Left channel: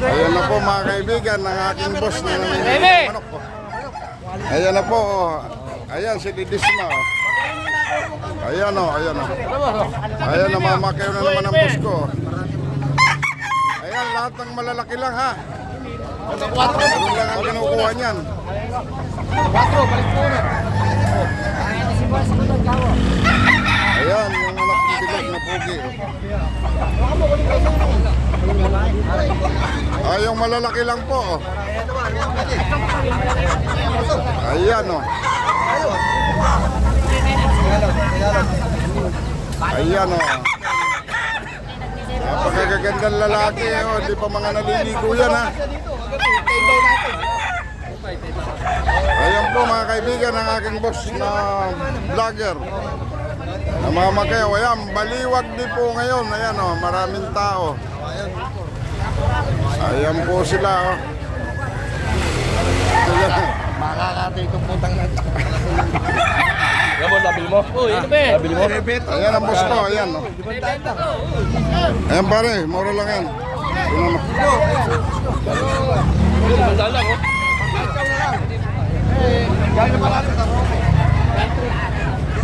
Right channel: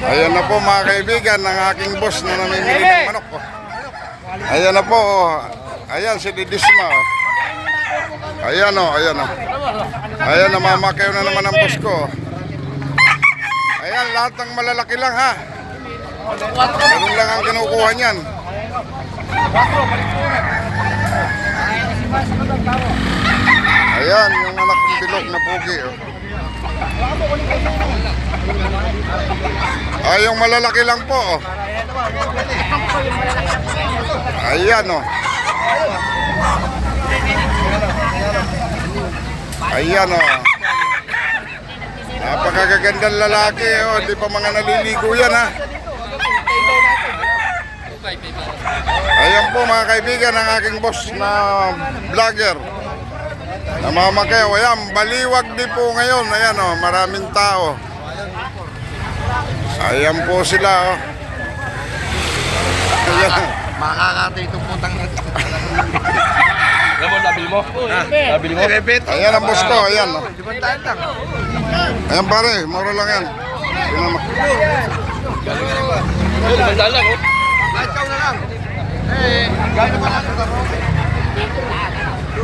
Ayan na po mga kaibigan ng aking boss na namimili ng manok. Ayan na po. Ayan si Didisma. Ayan o, ayan o. Ayan, namamakaw na naman ang boss ko. Ayan, lahat ng malalaki lang ha. Ganun lang ang kinukuha niyan. Ayan, yung anak ng bilog na pugi. Ay, yung malalaki lang po. Ayan o. Ayan o. Napakagagandang lalaki o. Hindi pa mga naliligo yan ha. Ayan po mga kaibigan ang aking boss na vlogger. Namamakaw. Ayan, baliwag din po ngayon. Ayan o, maraming tao. Ayan po sila o. Ayan. Makakatay itong putang ng... Alam mo, nabili mo? Nabili mo? Ayan ang boss ko, ayan. Oh. Ayan pare, mura lang yan. Yun naman. Limandaan lang, oh. Ikaw na lang. Gano'n pa lang.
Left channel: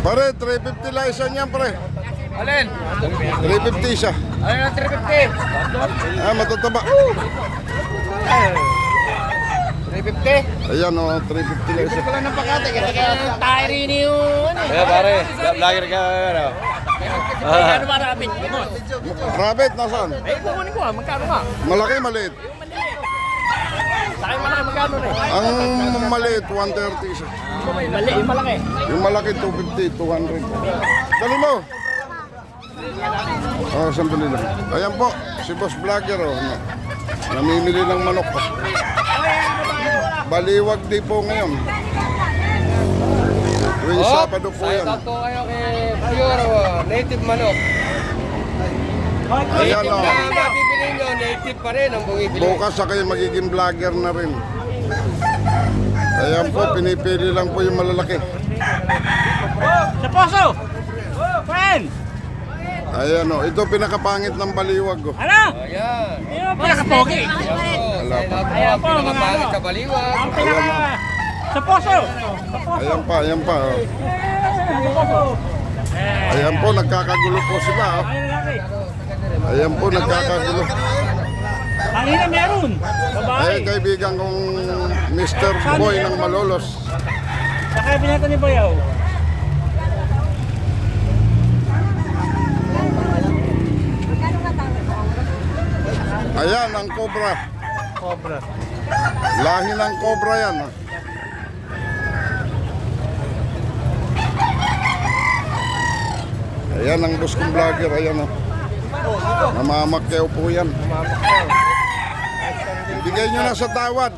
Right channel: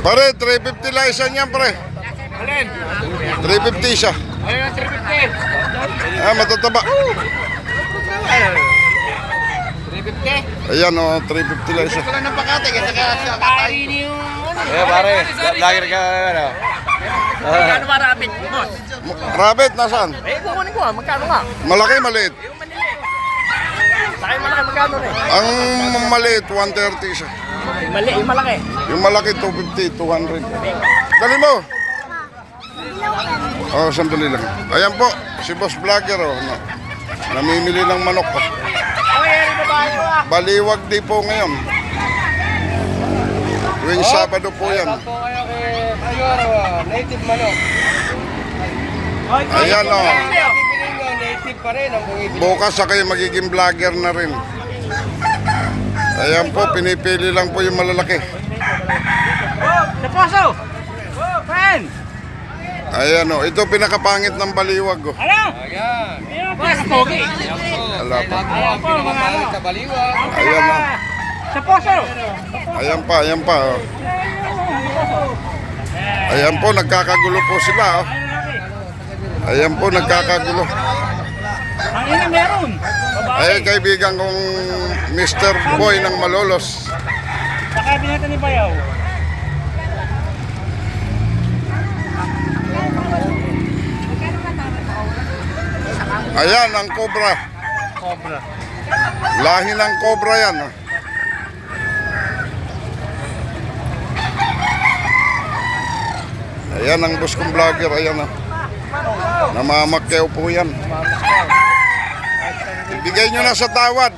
Pare, 350 lang isa niyan pare. Alin? 350 siya. Alin ang 350? Ah, matataba. 350? Ayan o, 350 lang isa. Ito lang ng pakate kasi kaya siya kakay. Eh, pare. Lager ka, ano? Magkano ba rabbit? Rabbit, nasaan? Eh, kukunin ko magkano nga? Malaki, maliit. Sakay malaki, magkano rin? Ang maliit, 130 siya. Mali, yung malaki. Yung malaki, 250, 200. Dali mo. Oh, sandali lang. Ayan po, si Boss Vlogger o. No. Namimili ng manok ko. Baliwag di po ngayon. Tuwing Sabado po yan. Sakto kayo kay Prior, native manok. Ayan o. Pipiliin nyo, native pa rin ang bumibili. Bukas sa kayo magiging vlogger na rin. Ayan po, pinipili lang po yung malalaki. Sa poso! Pen! Ayan o, ito pinakapangit ng baliwag o. Ano? Ayan. Ayun, pinakapogi. Wala pa. Ayan po, mga ano. Sa baliwag. Ang Ayan pinaka... na. Sa poso! Ayan pa, ayan pa o. Ayan po, nagkakagulo po sila o. Ayan po, nagkakagulo. Ang ina meron. Babae. Ayan kaibigan kong Mr. Boy ng Malolos. Sakay binata ni Bayaw. Ayan, ang cobra. Cobra. Lahi ng cobra yan. O. Ayan ang boss kong vlogger, ayan o. Namamakyaw po yan. Ibigay nyo na sa tawad.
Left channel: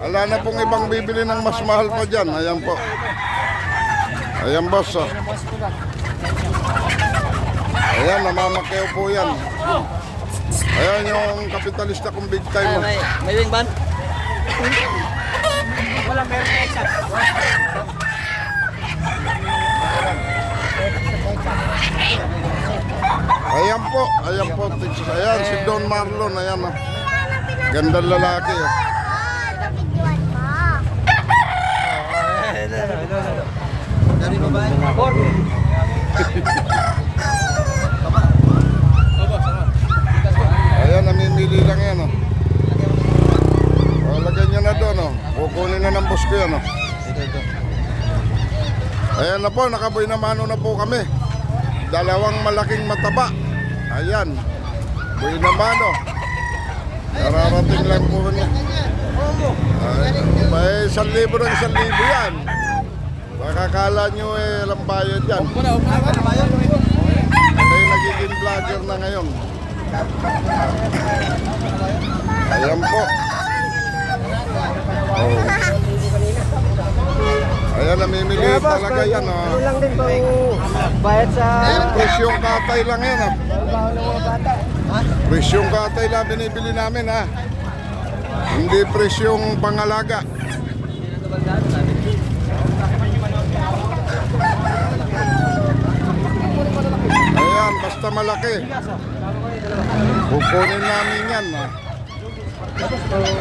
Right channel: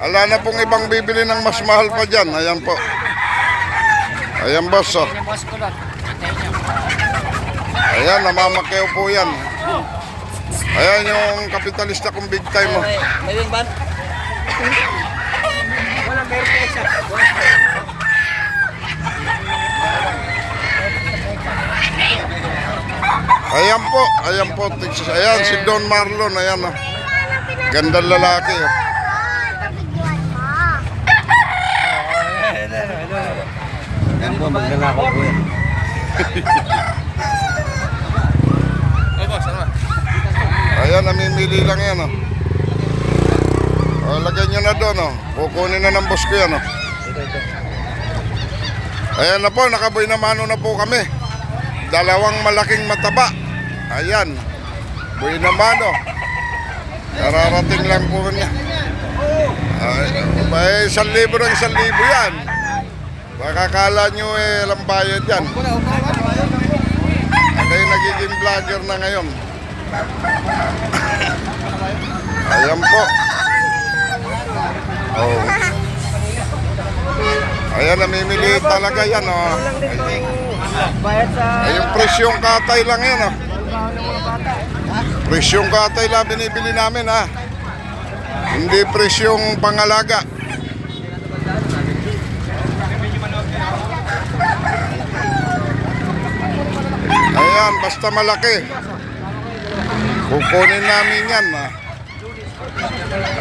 Ala na pong ibang bibili ng mas mahal pa dyan. Ayan po. Ayan boss o. Ayan, namamakyaw po yan. Ayan yung kapitalista kong big time o. May win ban? Wala, meron pa isa. Ayan po, ayan po. Ayan, si Don Marlon, ayan o. Gandang lalaki o. Ayan, namimili lang yan o. O, lagyan nyo na doon o. Kukunin na ng boss ko yan o. Ayan na po, nakaboy na mano na po kami. Dalawang malaking mataba. Ayan. Boy na mano. Nararating lang po niya. May 1,000 ng 1,000 yan. Baka kala nyo alam bayad yan. Ay nagiging vlogger na ngayon. Ayan po. Oh. Ayan, namimili talaga yan oh. Bayad sa... Ay, yung presyong katay lang yan oh. Presyong katay lang binibili namin ha. Hindi presyong pangalaga. Ayan, basta malaki. Kukunin namin yan.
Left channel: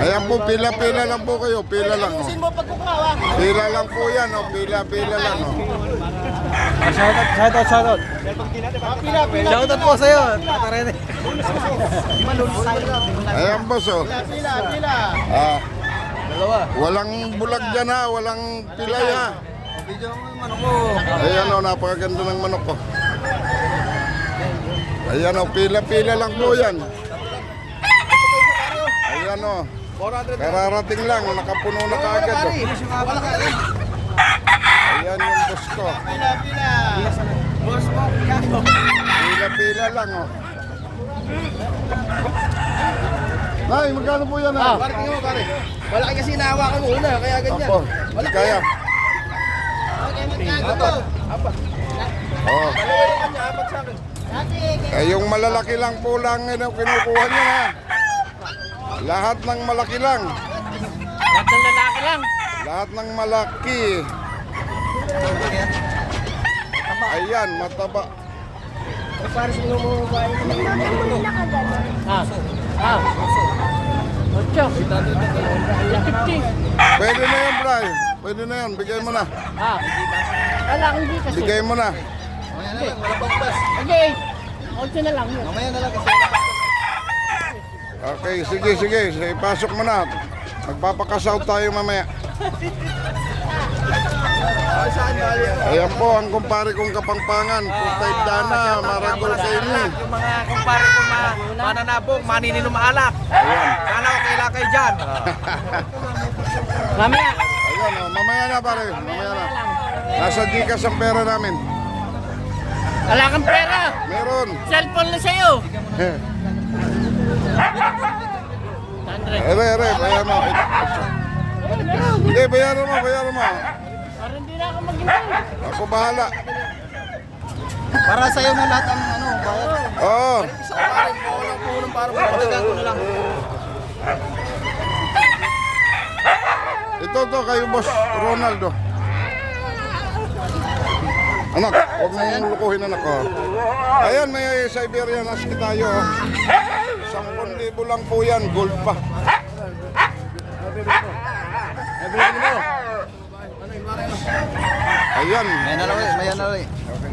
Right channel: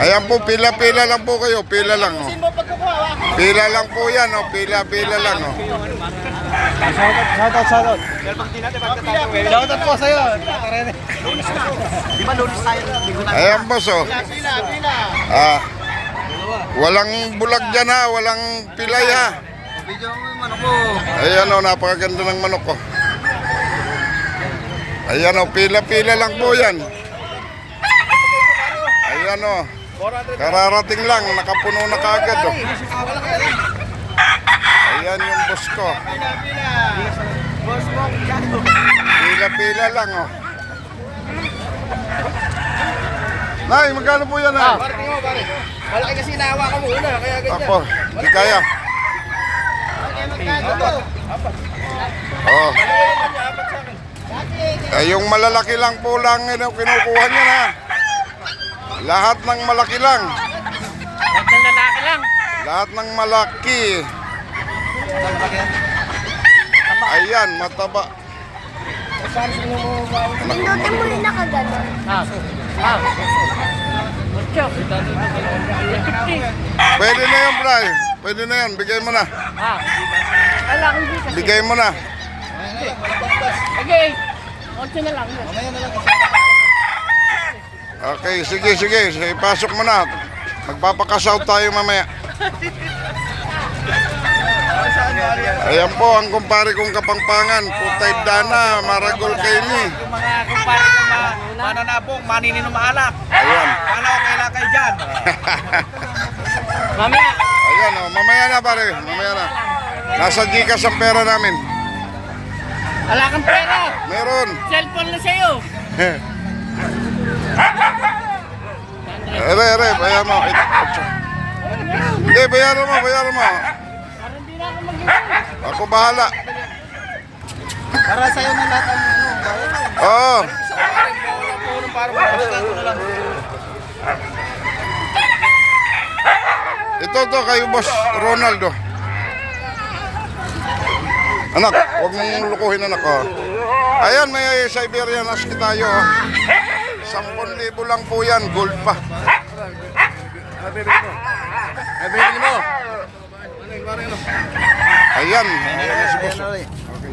Ayan po, pila-pila lang po kayo. Pila lang. Oh. Pila lang po yan. Oh. Pila-pila lang. Oh. Shoutout. Shoutout po sa'yo. Tatarene. Di ba lunes tayo? Ayan boss. Oh. Pila. Walang bulag dyan ha. Walang pilay ha. Video mo yung manok mo. Ayan o, napakaganda ng manok ko. Ayan o, pila-pila lang po yan. Ayan o, kararating lang, nakapuno na kaagad o. Ayan yung boss ko. Pila-pila lang o. Nay, magkano po yan ha? Pare, tingnan mo, pare. Malaki kasi nahawakan mo una, kaya ganyan. Apo, di kaya. Oh. Yung malalaki lang po lang yun ang kinukuha niya na. Lahat ng malaki lang. Lahat ng lalaki lang. Lahat ng malaki. Ayan, mataba. Pwede na yan, Bray. Pwede na yan. Bigay mo na. Bigay mo na. Okay. Okay na lang. Okay, sige. Sige, pasok mo na. Magpapakasaw tayo mamaya. Ayan po ang kumpare kong Kapampangan. Putay Dana, Maragol Kaini. Yung mga kumpare ko mga mananabong, manininong maalak. Ayan. Paano ko kailangan kayo dyan? Mamaya. Ayan o, mamaya na pare. Mamaya na. Nasa Gcash ang pera namin. Wala kang pera. Meron. Cellphone na sa'yo. Ere, bayaran mo. Hindi, bayaran mo. Parang hindi na ako mag-iwan. Ako bahala. Para sa'yo na lahat ang ano. Oo. Ito kayo boss Ronaldo. Anak, huwag mong lukuhin anak ko. Ayan, may Siberian Husky tayo. 10,000 lang po yan, gold pa. Nabili mo. Ayan. Ayan na rin. Okay.